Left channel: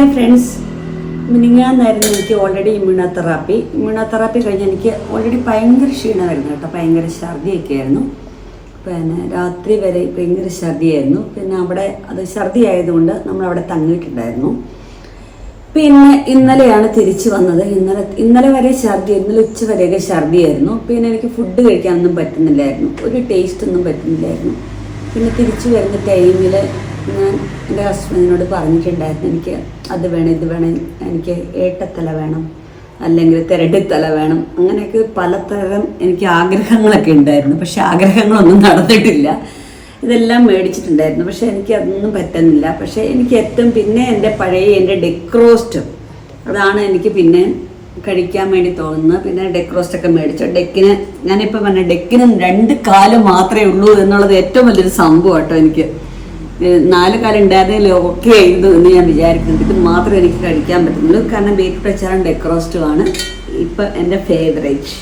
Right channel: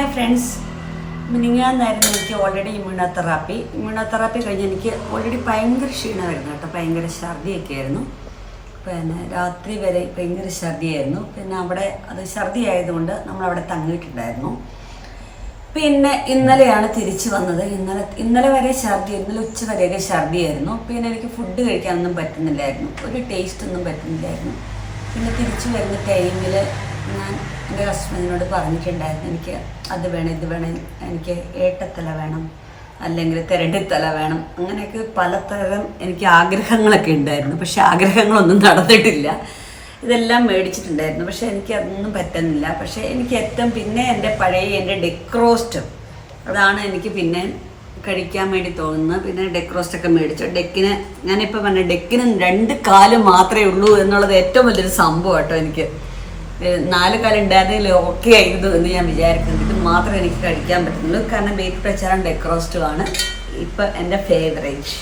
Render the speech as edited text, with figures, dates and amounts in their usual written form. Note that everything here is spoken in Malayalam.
ഹായ് ഫ്രണ്ട്സ്, മിനിങ്ങാന്നായിരുന്നു എനിക്ക് ഓൾറെഡി ഇമ്മ്യൂണോതെറാപ്പി കഴിഞ്ഞ് എനിക്ക് ഓൾറെഡി ഭയങ്കര ക്ഷീണമായിരുന്നു കേട്ടോ. ഭയങ്കര ഛർദിയൊക്കെ ആയിരുന്നു. പിന്നെ രാത്രി വരെ ഭയങ്കര ഛർദിയായിരുന്നു. പിന്നെ അവിടെ അത് ഛർദി ആയതുകൊണ്ട് നമ്മളവിടെ തങ്ങിയിട്ടുണ്ടായിരുന്നു. പിന്നെ ഇന്നലെയാണ് തിരിച്ചു വന്നത്. ഇന്നലെ വരെ ഛർദി, ഇന്നലെ ഉച്ച വരെയൊക്കെ ഛർദിയായിരുന്നു. പിന്നെ എനിക്ക് ഫുഡ് കഴിക്കാനൊന്നും പറ്റുന്നില്ലായിരുന്നു, ഒരു ടേസ്റ്റ് ഒന്നും പറ്റുന്നില്ലായിരുന്നു. പിന്നെ തിരിച്ചു വരുന്ന ടൈമിൽ ഞാൻ എൻ്റെ ഹസ്ബൻഡിനോട് പറഞ്ഞിട്ടുണ്ടായിരുന്നു, എനിക്ക് അത് വേണം, ഇത് വേണം, എനിക്ക് ഏട്ടത്തല വേണം, അല്ലെങ്കിൽ തിരടിത്തല വേണം, അങ്ങനെയൊക്കെ പലതരം എനിക്ക് ആഗ്രഹങ്ങളൊക്കെ ഉണ്ടായിരുന്നു. പക്ഷെ ആഗ്രഹങ്ങളൊന്നും നടന്നിട്ടില്ല. ഇതെല്ലാം മേടിച്ചിട്ടുണ്ടായിരുന്നു, പക്ഷെ എനിക്ക് അതൊന്നും പറ്റുന്നില്ല. പക്ഷേ എനിക്ക് ഏറ്റവും പിന്നെ എൻ്റെ ഡെക്രോസ്റ്റ്, അതാണ് എനിക്ക് പിന്നെ കഴിക്കാൻ വേണ്ടി തോന്നുന്നത്. പിന്നെ ഡെക്രോസ്റ്റൊക്കെ മേടിച്ചു. ഞാനിപ്പോൾ പറഞ്ഞ ഡെക്കിന് 2 കാല് മാത്രമേ ഉള്ളൂ എന്നുള്ളത് ഏറ്റവും വലിയൊരു സംഭവം കേട്ടോ. എനിക്ക് 4 കാലം ഉണ്ടായിരുന്നെങ്കിൽ ഓക്കെ ആയിരുന്നു എന്ന് ഞാൻ വിചാരിക്കുന്നത്. ഇത് മാത്രമേ എനിക്ക് കഴിക്കാൻ പറ്റുന്നുള്ളൂ. കാരണം ബീഫ് പ്രച്ചാറും ഡെക്രോസ്റ്റുമാണ് ഇപ്പം എൻ്റെ ഫേവറേറ്റ്.